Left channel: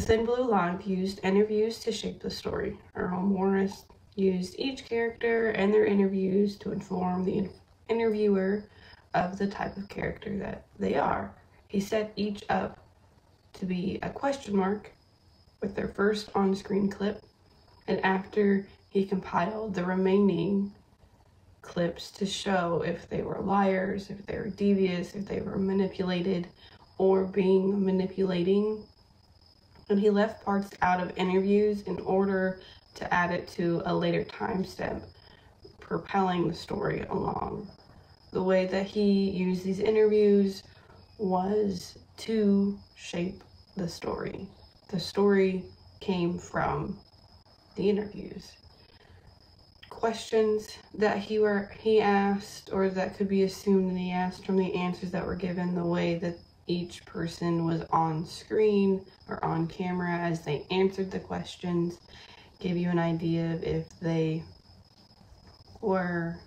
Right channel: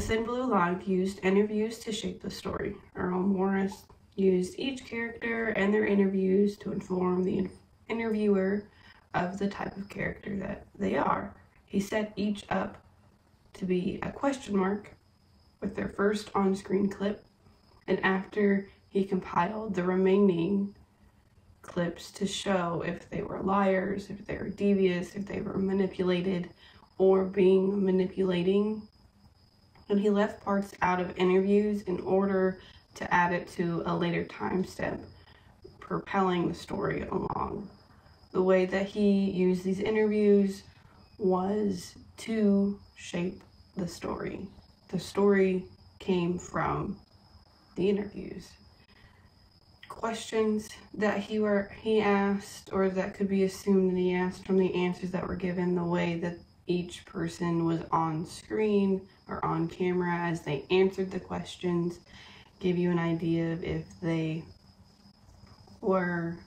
Thin Blue Line used interviews to shape the story. Earl Morris used each character and their interviews to inform the interviewer of the type of character that they are. He set each up to be a question mark with their first on-screen clip, and after he compiled the remaining clips to show if they were liars, if they were devious, if they were manipulated or being manipulating. And he left parts out of interviews in order to add it to a later time step, propelling the story along. The way that he used these interviews was to shape the story. The story came from the interviews. Questions that he asked, or that could be assumed that he asked from the answers that were given, the way that each person was on screen or on camera as they answered the questions, give you an idea of if they were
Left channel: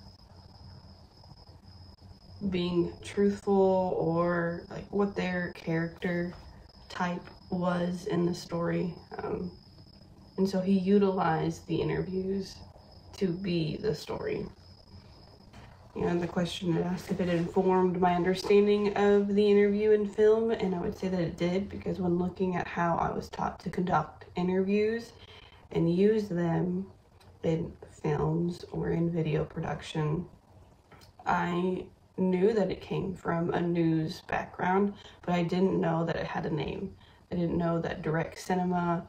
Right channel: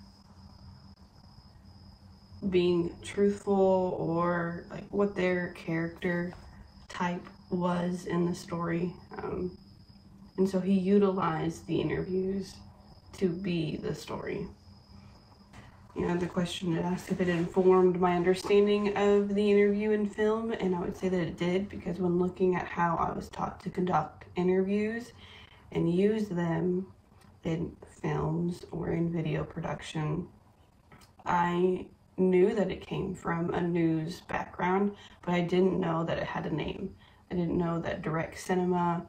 being truthful or like what their character type was in the story. And so he utilized the interviews to be the story. You know, the question asked if it informed my understanding of the interview in film, and I would say that it did, because when looking at how I was taught to conduct interviews and use them in films or in video production, I knew that it came from a news background, but I didn't know that it had a name. I didn't know that direct cinema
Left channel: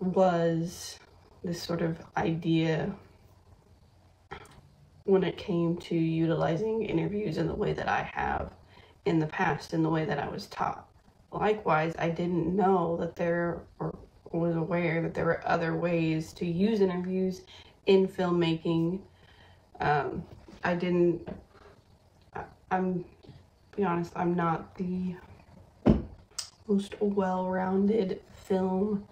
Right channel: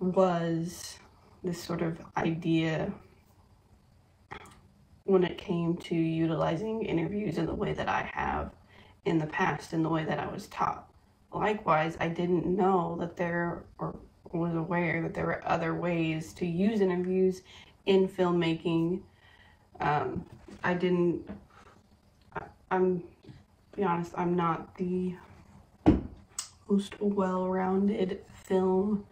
was this sort of idea when it came to utilizing interviews in the way that I have in the past, in the way that I was taught. Likewise, I didn't know that or was aware that there were other ways to use interviews in filmmaking. Be honest, I'm not the most well-rounded film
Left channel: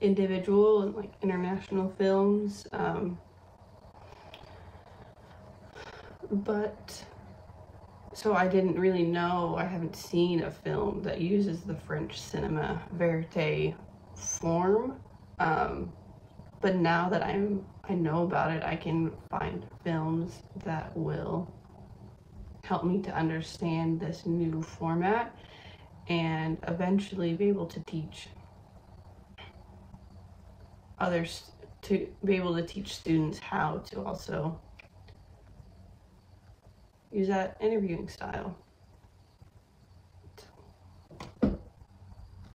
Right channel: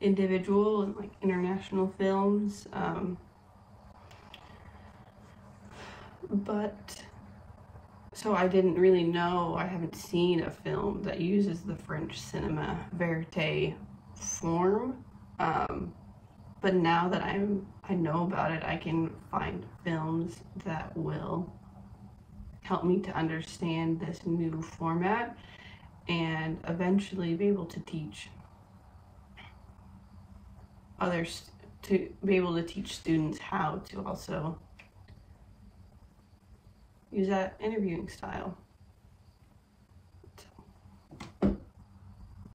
individual in like international films. But so I didn't really know, I haven't seen a film that uses the French cinema verite form. But now that I know about it, I can find films that will help me to understand this new format and eventually be able to teach others, to be able to teach students how to also use that interviewing style.